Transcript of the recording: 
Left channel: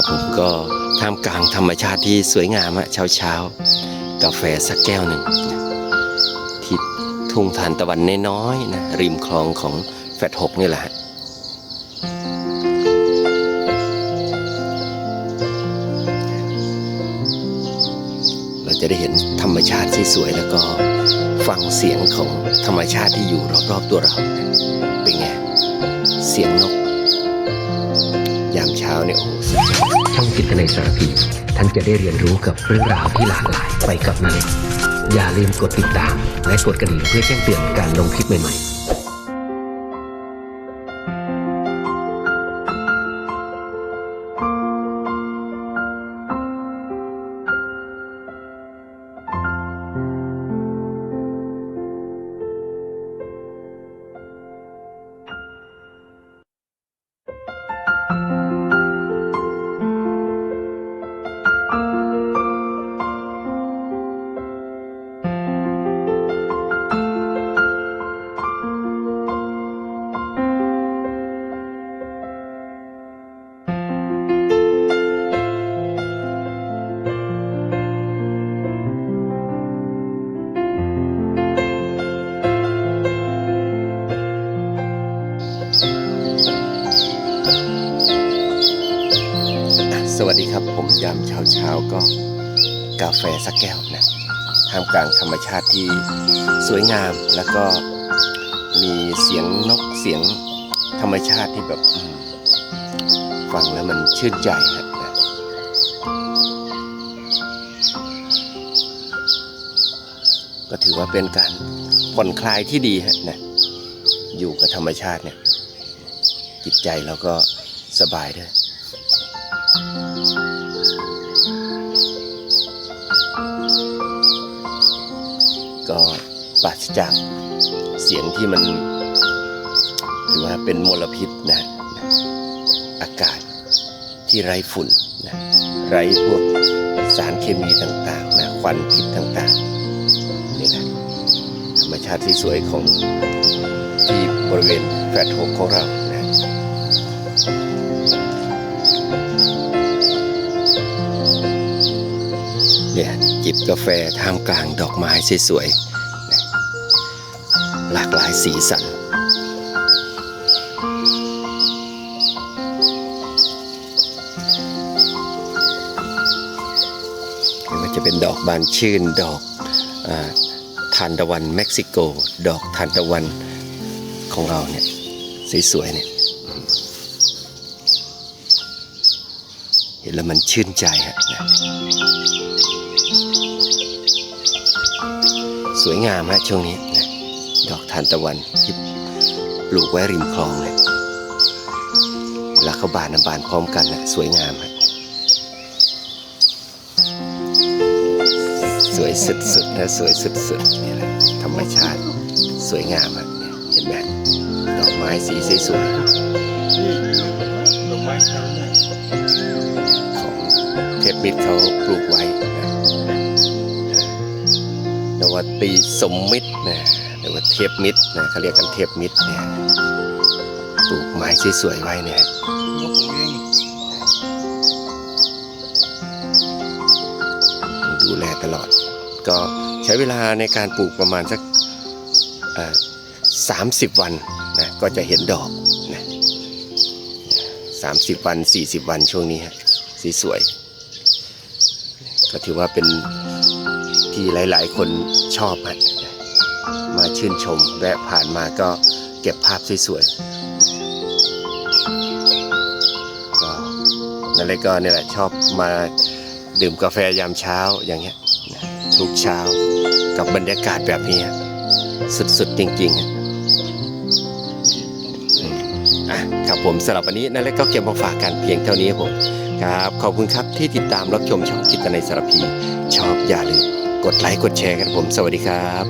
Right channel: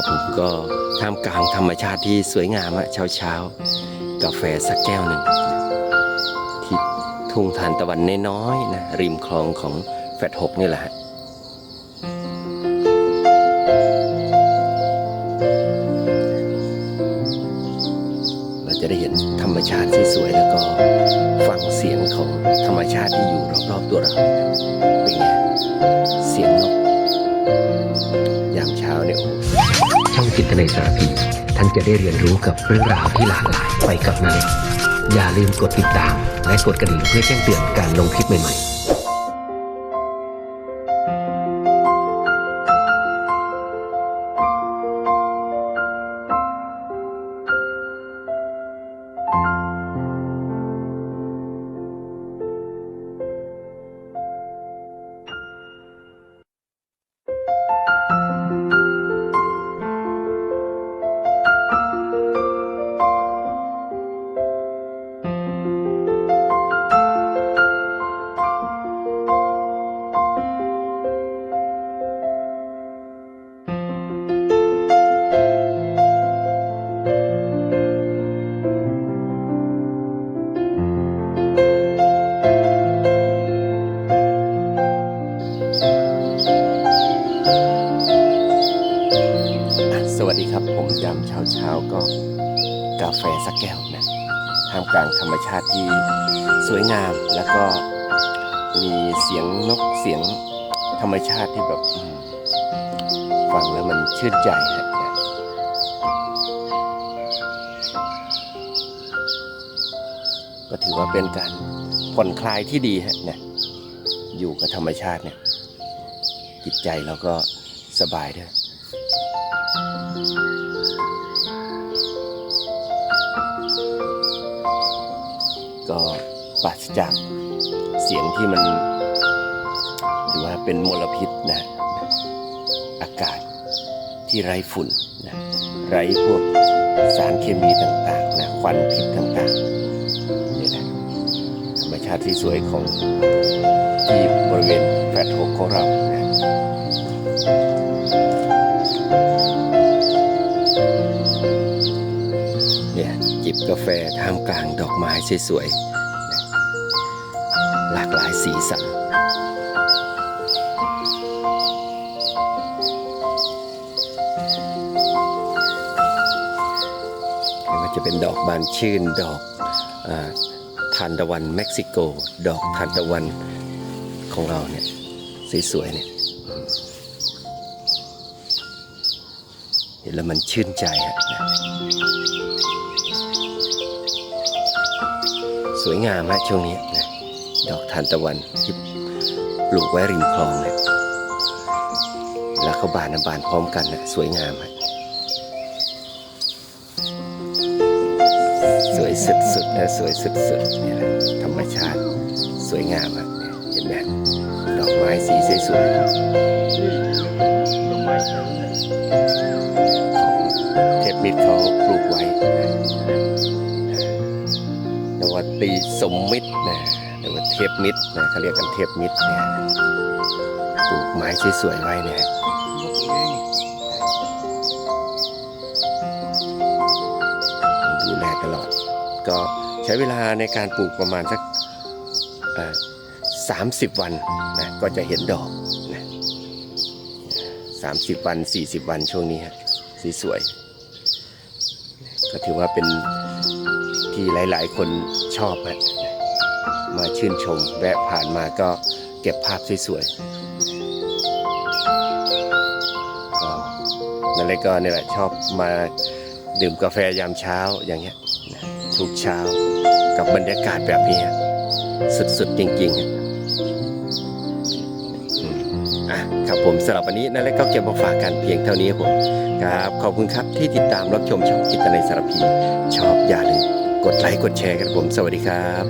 ครับผมก็ท่ามกลางธรรมชาติที่สวยงามอะเช้าเช้ากาแฟสักแก้วหนึ่งนะที่ทุ่งทานตะวันน้อยๆนะริมคลองของแฟดหกนี่แหละฮะเราจะได้เห็นธรรมชาติที่สวยแล้วก็ฟังเสียงของธรรมชาติที่อยู่รอบๆตัวเราเป็นไงเสียงนก ยามเช้าเนี่ยโอ้โหช่องจิตในสารพี ท่านจะได้เรียนรู้กับเรื่องราวที่หลากหลายไปกับนาเล็กอย่าลืมกดติดตาม และกดกระดิ่งเพื่อแจ้งเตือนการลงคลิปใหม่ๆ สวัสดีครับ ผมยามเช้าเช้าๆก็กาแฟสักแก้วนะท่ามกลางธรรมชาติที่สวยงามแล้วก็มีเสียงนกเสียงธรรมชาติที่แบบฟังแล้วมันชื่นใจฮะนะก็ถือว่าเป็นการผ่อนคลายที่ดีฮะนะอยู่กับธรรมชาติเนี่ย จิตใจเราก็สบายด้วยก็ปราศจากเสียงที่มันถือว่าเป็นมลพิษนะนะอากาศที่ไร้ฝุ่นนะไร้พวกสารเคมีต่างๆนะควันพิษต่างๆนี่แหละธรรมชาติที่สวยของที่บริเวณแฟลตหกของเรา กาแฟท่ามกลางดอกไม้สวยๆหลากหลายสีสันไม่ว่าจะเป็นดอกบานชื่นดอกอทานตะวันเม็กซิโก ดอกทานตะวันของเราเนี่ยสวยๆเนี่ยเห็นแล้วมันชื่นใจฮะ สวยงามฮะช่วงนี้นะดอกทานตะวันที่ปลูกไว้ริมคลองเนี่ยแล้วเขาบานนะบานพร้อมกันนะสวยงามฮะสวยสุดๆนะสวยสุดๆนี่แหละธรรมชาติสวยงามฮะเนี่ยเห็นไหมดอกไม้สีสวยๆของเทพมิตรเขาปลูกไว้นะ นวตีสมมิตรนะหรือว่าเทพมิตรนะเขาเรียกกันเทพมิตรเนี่ยปลูกไม้สวยๆไว้เนี่ยดูแลตลอด ก็ใช้เวลาในการปลูกประมาณสักสามสิบวันนะก็จะเห็นดอกนะสามสิบวันสี่สิบวันช่วงนี้ฮะสีสวย ก็ถือว่าเป็น ที่หลาย ๆ คนชอบมาชื่นชม แวะผ่านมาก็เก็บภาพสวยๆก็นั่นเลยก็นี่แหละชอบมาดื่มกาแฟยามเช้าอย่างเงี้ยทุกเช้ากับบรรยากาศแบบนี้สุดๆจริงๆอะครับผมสำหรับวันนี้นั่นแหละก็เก็บมาฝากกันเพียงเท่านี้ครับผมครับ ขอบคุณครับที่ติดตามรับชมช่องกิตในยสารพี ชอบอย่าลืม กดไลค์กดแชร์กันครับผม สวัสดีครับ